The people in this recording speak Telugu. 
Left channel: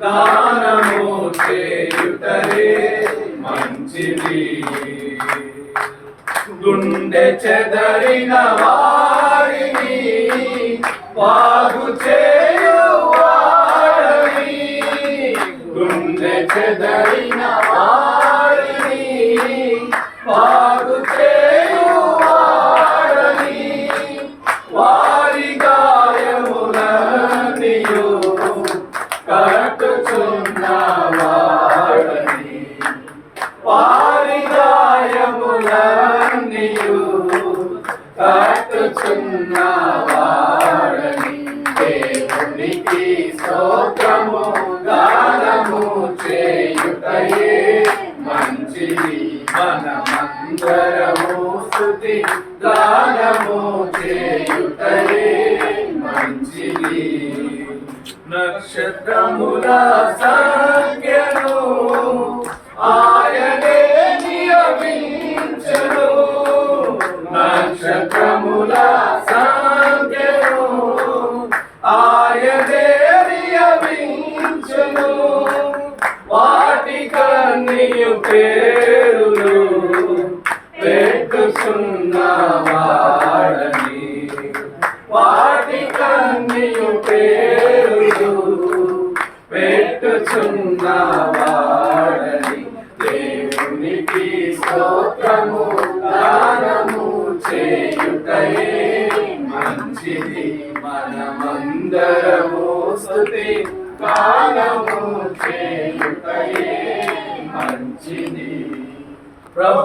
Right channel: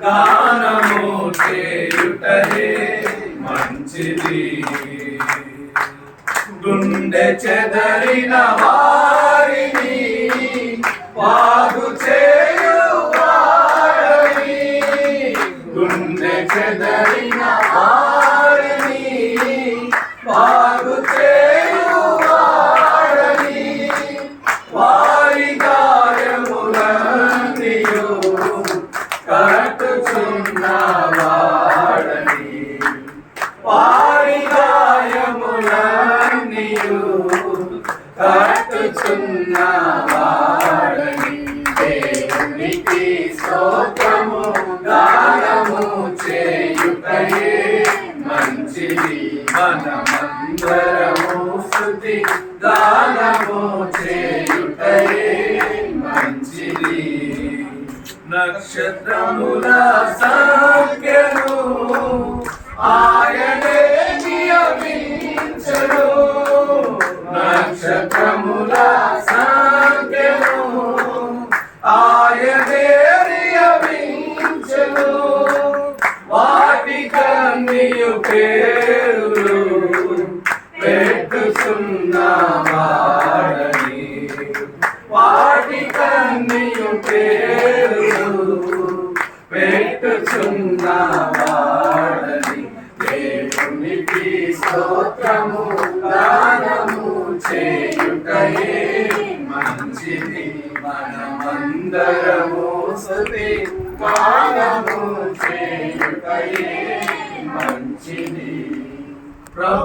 దానము చేయుటయే మంచిది. గుండె చెదరిన వారిని బాగు చేయువాడని గుండె చెదరి కట్టుచున్నవాడని దేవునికి స్తోత్రము గానము చేయుటయే మంచిది మనమందరము స్థుతి గానము చేయుటయే మంచిది నక్షత్రముల సంఖ్యను కన్నియు పేరులు పెట్టుచున్నవాడని వాటి కన్నియు పేరులు పెట్టుచున్నవాడని దేవునికి స్తోత్రము దానము చేయుటయే మంచిది. మనమందరము స్తుతి గానము చేయుటయే మంచిది ప్రభు